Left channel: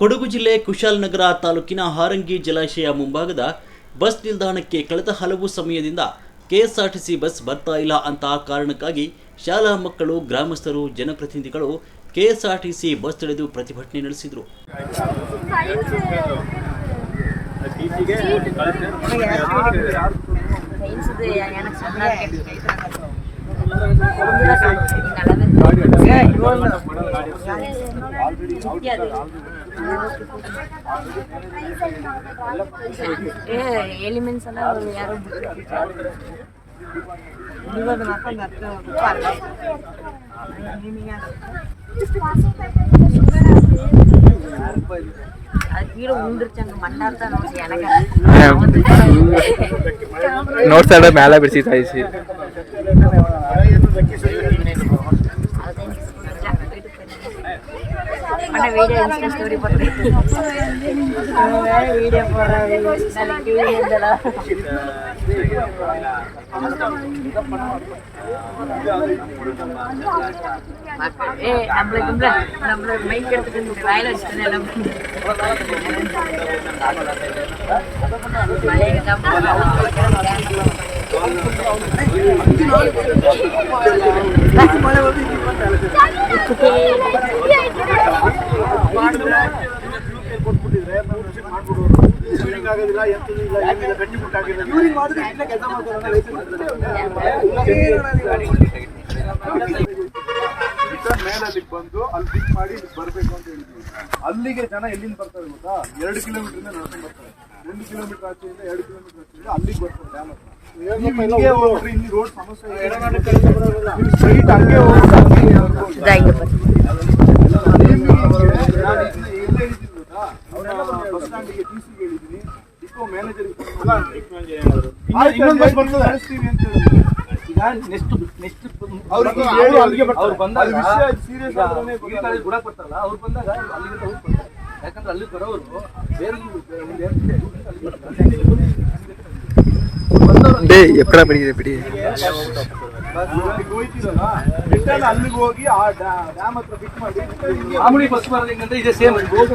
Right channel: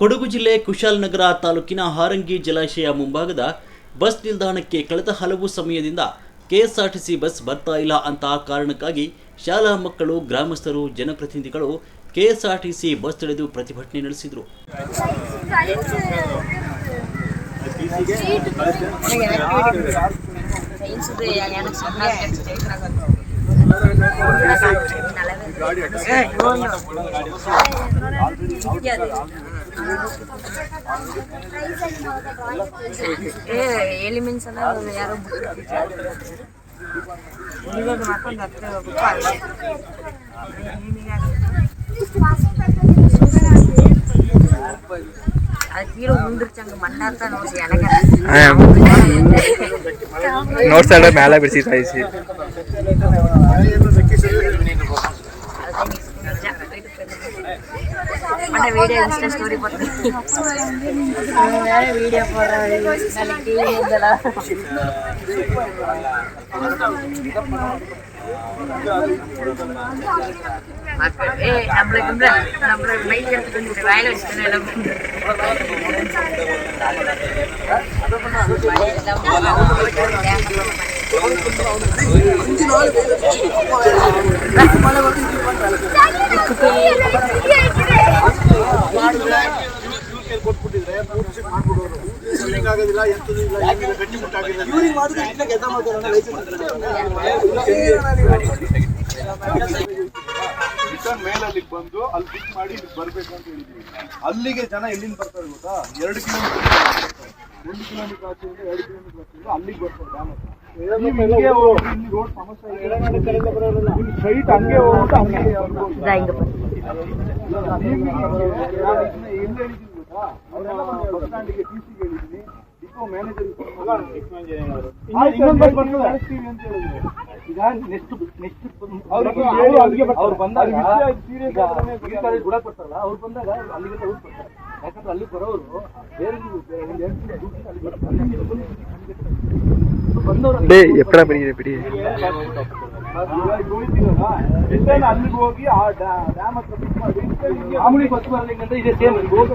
ಕೊಡಗು ಜಿಲ್ಲೆ ಕುಶಾಲನಗರ ತಾಲೂಕಿನ ಹಾರಂಗಿ ಜಲಾಶಯ ಮುಂಭಾಗದ ಬಸ್ ನಿಲ್ದಾಣಕ್ಕೆ ಕಳೆದ ಹಲವು ಸಮಯದಿಂದ ಕೆಎಸ್ಆರ್ಟಿಸಿ ಬಸ್ ಬರ್ತಾ ಇಲ್ಲ ಅಂತ ಕಾರಣಕ್ಕಾಗಿ ಶಾಲಾ ಮಕ್ಕಳು, ಗ್ರಾಮಸ್ಥರು, ಜನಪ್ರತಿನಿಧಿಗಳು ಕೆಎಸ್ಆರ್ಟಿಸಿ ಬಸ್ ತಡೆದು ಪ್ರತಿಭಟನೆ ನಡೆಸಿದರು. ಎಲಿಮೆಂಟ್ಸ್ ಎಲ್ಲ ಯಾರೋ ಇವಾಗ ಮಾಡ್ಕೊಂಡು ಹೀರೋ ಮುಂದಿರ್ಚಂಗ ಮಂಡಾರ್ತ ನೋಡ್ಸಿ ನೋಡ್ಸಾಡ ಮ್ಯಾಲ ಬಿಡಿಸಿ ಸಾಯಿಸಿ మన వీడియో ఇన్స్టా స్టోరీ పడుతుంది వీడియో நம்மள மைக் எடுத்துட்டு வாயில வச்சுட்டு ಕೊಟ್ಬಿಟ್ಟಿದ್ರೆ ಆಗೋದಿಲ್ಲ ಗಟ್ಟಿ ಮುಟ್ಟಾಗಿಲ್ಲ ಇವ್ರಿಗೆ ಮಾಡಿದ್ರೆ ಕೆಲಸ ಮಾಡ್ತಾರೆ. ರಿಟರ್ನ್ ಮೇಲೆ ಅಲ್ಲಿಗೆ ಬಂದು ಅಲ್ಲಿ ಪಿಕ್ ಮಾಡಿ ಇಲ್ಲಿಗೆ ಬರಬೇಕು ಅಂತ ಹೇಳಿದ್ವಿ. ಅಲ್ಲಿಗೆ ಜನ ಎಲ್ಲಿಂದ ಬರ್ತಾರೆ ಗೊತ್ತಾ? 2 ಕಿಲೋಮೀಟರ್ ಬರ್ತಾರೆ. 1 ಕಿಲೋಮೀಟರ್ ಆಚೆಯಿಂದ 2 ಕಿಲೋಮೀಟರ್ ಆಚೆಯಿಂದ ಅಲ್ಲಿಗೆ ಬರ್ತಾರೆ ಡ್ಯಾಮ್ ಹತ್ರ. ಇಲ್ಲಿ ರೋಡ್ ಸಮಸ್ಯೆ ಸ್ಟ್ರೈಟ್ ಹಂಗೆ ಹೋಗುತ್ತೆ. ಬಸ್ ಸ್ಟ್ಯಾಂಡಿಗೆ ಟಿಸಿಗೆ ಹೇಳಿದ್ದೀನಿ, ಡಿಪೋ ಮ್ಯಾನೇಜರ್ ಯಾಕಂದ್ರೆ ಅಲ್ಲಿ ಬರೋರು ಬೇರೆ ಅಲ್ಲಿಗೆ ಹೋಗಿ ಆ ಡ್ಯಾಮ್ ಹತ್ರ ಪಿಕ್ ಮಾಡಿ ಮಾಮೂಲಿ ಬಸ್ ಬರೋದಂದ್ರೆ ಇದೆ ಸೇಮ್ ಹೋಗೋದು